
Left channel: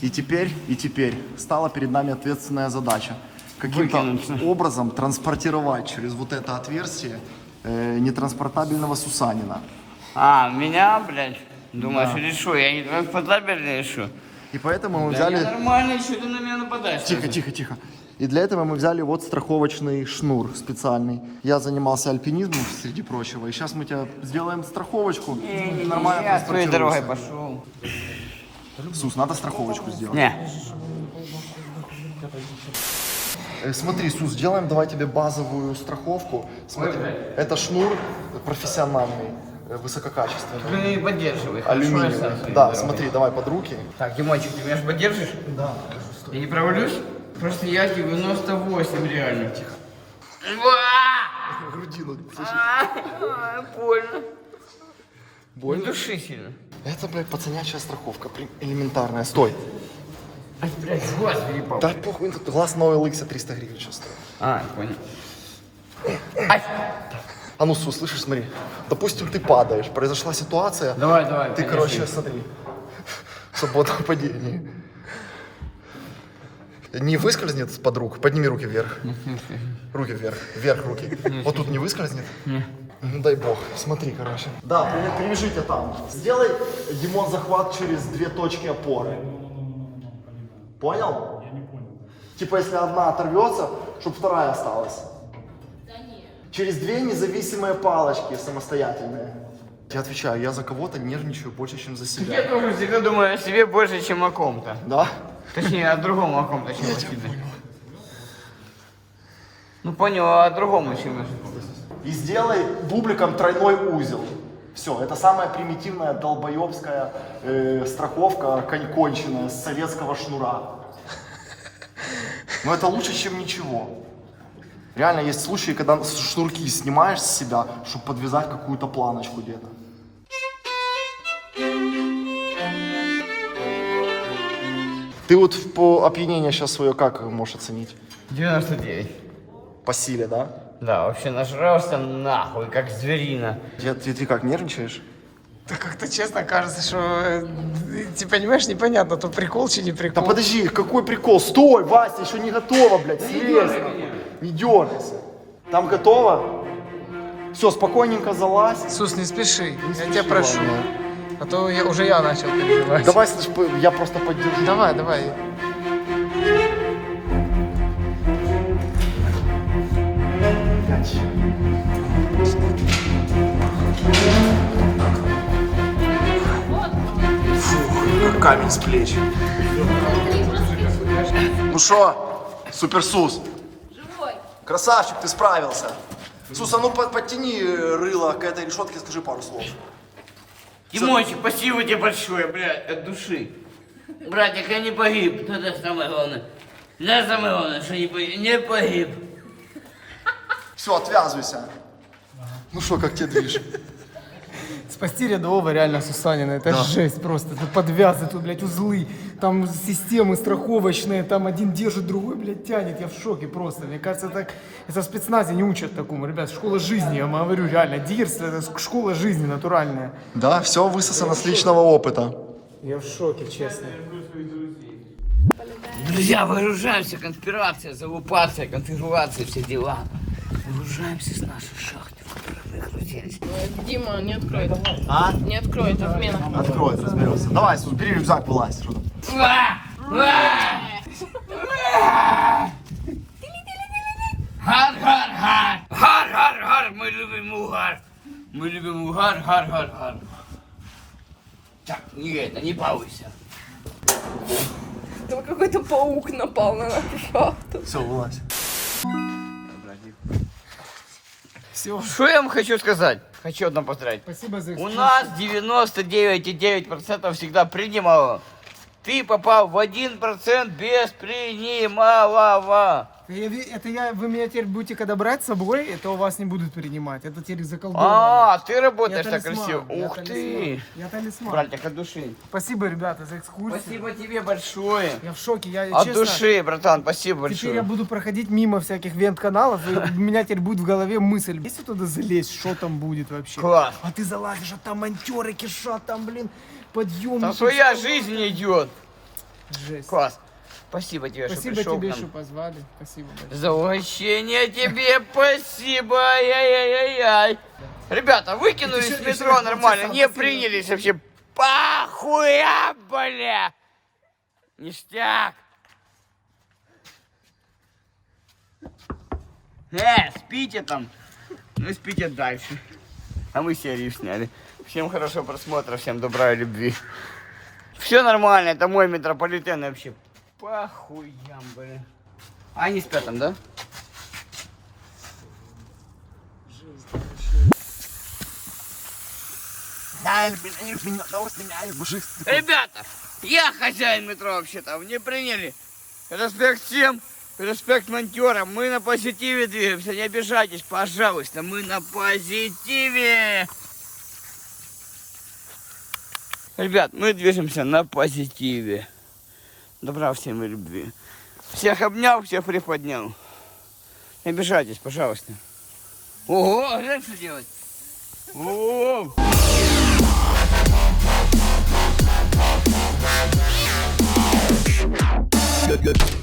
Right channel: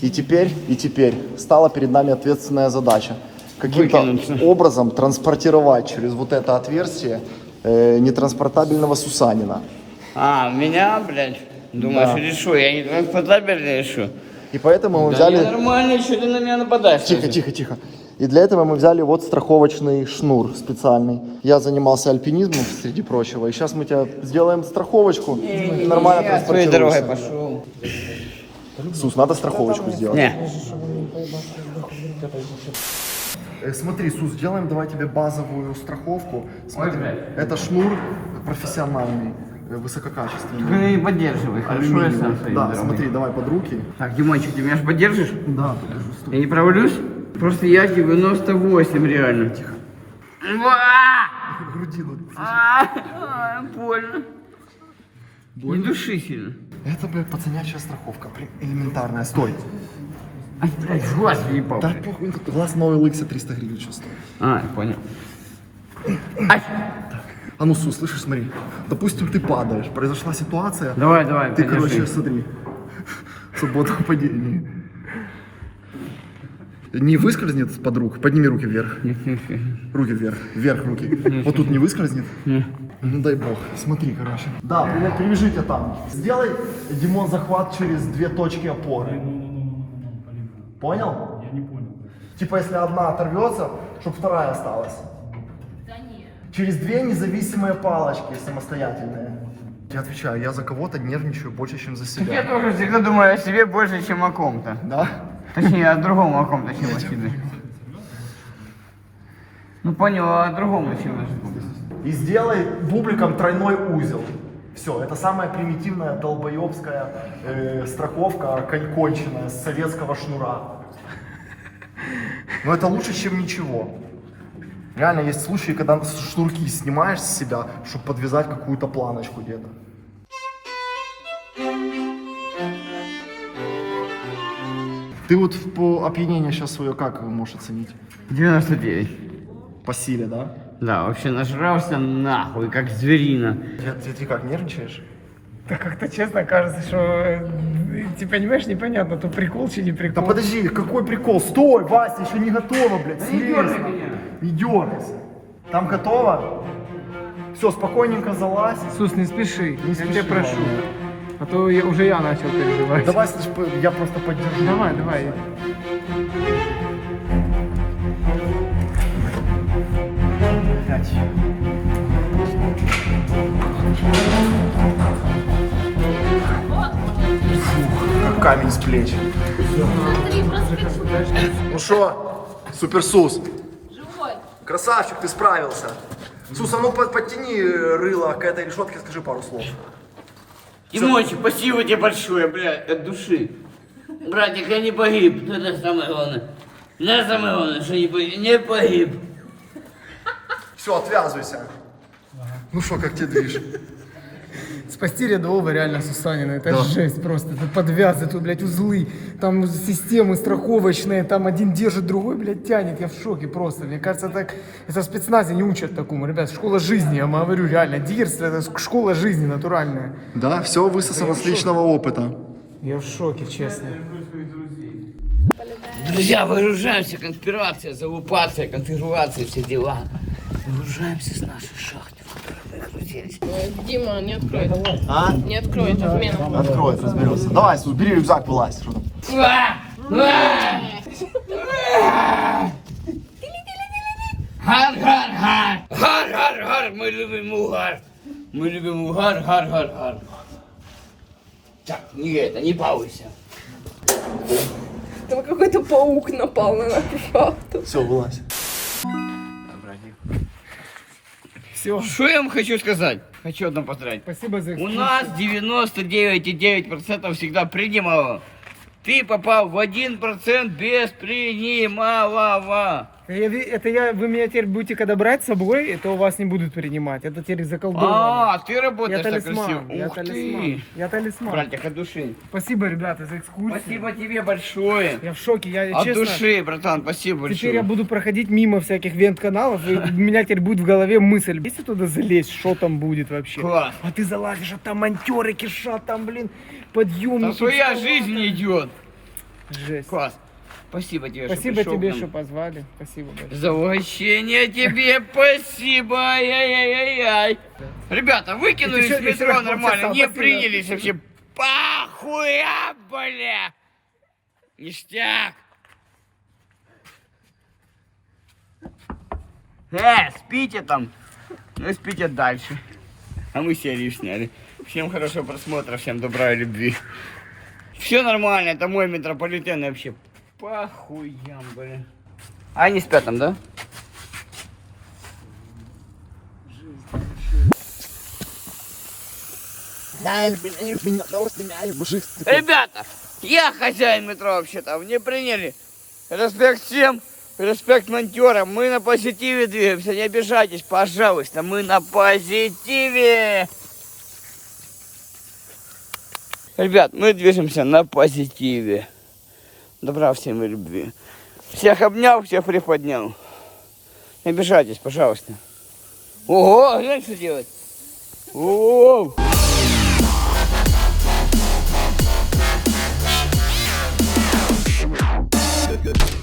И теперь стала перед нами ответственная задача. Каким-то Выкинуться. образом транспортировать через вот это отверстие нетранспортабельного Сусанина. А, меня, блядь? Думаешь, решу? Я не транспортабельный решу. И поэтому мы Да взяли... не нормально, что ты на меня нападаешь? Тихо, тихо, тихо. И для этого мы взяли вот страховочный шнур специальный. Я занимался альпинизмом, среди прочего. И сейчас мы тебе сделаем страховочку. И нормально Я своей транспортируйся. дорогой пошел. Сус, надо страховочку сделать. Не. Смотри, Сус, сделаем давай тебе базовую страховку. Смотри, это шнур профессиональный, высококачественный. Ты не поддерживай, хорошо, я сам своими Да, руками. смотри, давай под руки. Так, Димончик, ты меня же поддержишь? Да. Я не провалюсь? Просто я 98 реально. Грудину. Больно. Не души сильно. Это, блядь, пацанячая страховка, элементарная. Стой. Ай, блядь, глаз въебал. Да похуй, глаз на OLX 300 гривен сейчас. А, понял. А ну, Сус, слышишь, смотри. Допустим, ты падаешь, произошла ситуация. Давай, Ты, подержи. короче, смотри. Свободное падение. Не выскользнет под руку? Подними руки вверх. Руки вверх. Вверх руки. Вот тут не выскользнет? Ну дай бог. Смотри, короче. Да, привяжите там. Сделай, Димон, захват через 2 точки опоры. Понял? Я не понял. Типа, если одна оторвется, чтобы вторая осталась. Через 2 независимые палочки самостоятельные. Я отвечаю, я за кого-то нервничаю больше, чем за Я себя. тоже всегда думаю о себе больше, чем о ком-то. Да? Точнее, о другом о ком-то, чем о себе. Ну, понял, о другом чем. И сделай бубликом тройной узел. Все, это самая примитивная долбоебская страховка конченая с советского шнура. Но это лучше, чем ничего. Реально есть случаи, когда шнурки снимаешь с себя, чтобы подвязать какую-то планочку где-то. Ты вот по опьянение сейчас свое как можешь оценить? 99. По силе, да? Да, вообще нажрался нахуй, как зверина. Ты как, нервничаешь? Да как-то честно кажется, что ты понимаешь, непонятно, то прикол чи не Да прикол. подожди, какой прикол? Стой, Вася, еще не готово, блядь, съезд. Не дергайся. Там готово? Все, спокойненько залазь. Сус, не спеши, я спеши, тебя прошу. да. А то уже я начал переживать. Давай, слышь, я просто поддержу. Давай. Как камень с плеч. Ну что, суперсус? Живой. Красавчик, ты справился. Сус, а ну подтяни рыло к этой решетке, скажи пару слов. Димончик, спасибо тебе большое, блядь, от души. Братик, я не погиб, это самое главное. Это самое главное, что не погиб. Все, отвязывайся. Ну что, как тебе движ? Спасти рядового реально Сусанина, это жесть просто. Это подвязы, тут, блядь, узлы, там системы страховочные, там один держит, другой, блядь, тянет. Я в шоке просто. Мне кажется, так это в спецназе не учат такому. Ребят, школа жизни, я вам говорю, реально. Дирство — это школа жизни натуральная. Да, все высосано с личного опыта. Я в шоке, честно. Друзья, выгружаемся, конспирация, залупация, конфигурация, все дела. Выгружаемся с нашей шахты, в которой мы находились. Дима, не откроет. А? Не откроет, отмена. Откроет, разберется. Давай, Сус, бери рюкзак, вылазь. Гар-гар-гар! Гар-гар-гар! Мы любим угар! Мы любим угар, гар-гар-гар! Так, не балуйся. Там какой-то паук напал на нашу шахту. Все, вылазь. Все, Что я вам хочу сказать? Хочу одно поздравить. спасибо за У экскурсию. нас 99,9% всегда принимало. Ты попал в 1% без принималого. Вы меня теперь будете, когда брать с собой, это у вас не будут принимать. Это теперь заколдовано. А, ты работаешь Я так красиво. талисман, я Ух талисман. ты. Я талисман. Братик, от души. Спасибо, ребята, за экскурсию. Спасибо тебе большое. Я в шоке, я От честно. души, братан, спасибо большое. Теперь я буду проходить мимо всяких вент-каналов, и у меня теперь будет в голове мысль, если туда залезть, что там будет вообще. Класс. А ты залазишь, а там монтеры кишат, там, блин, подъемники. Там своя стола, жизнь там. идет. Жесть. Класс. Спасибо тебе, Спасибо что пришел тебе, к нам. что позвали. Спасибо большое. За угощение тебе спасибо. Ай-яй-яй-яй. Ребята, выкинули Еще- из еще метро раз нормально. полчаса, Не спасибо. принялись вообще. Похуя, бля. Ништяк. Спите там. Ну, спите дальше. А мы серию сняли. Всем хорошего просмотра, всем добра и любви. Все нормально, это мой метрополитен и вообще. Похуям, блин. А они спят там, да? Ребята, я хозяин метро вообще-то, мне приняли. Респект всем, респект монтерам. Мы на позитиве двигаемся, не обижайтесь, пожалуйста, мы на позитиве. Ребят, мы движемся на позитиве. Добра всем и любви. Всех обнял, всех приподнял. Не обижайтесь, пожалуйста. Ого, знаешь, что делать? Ого! Good.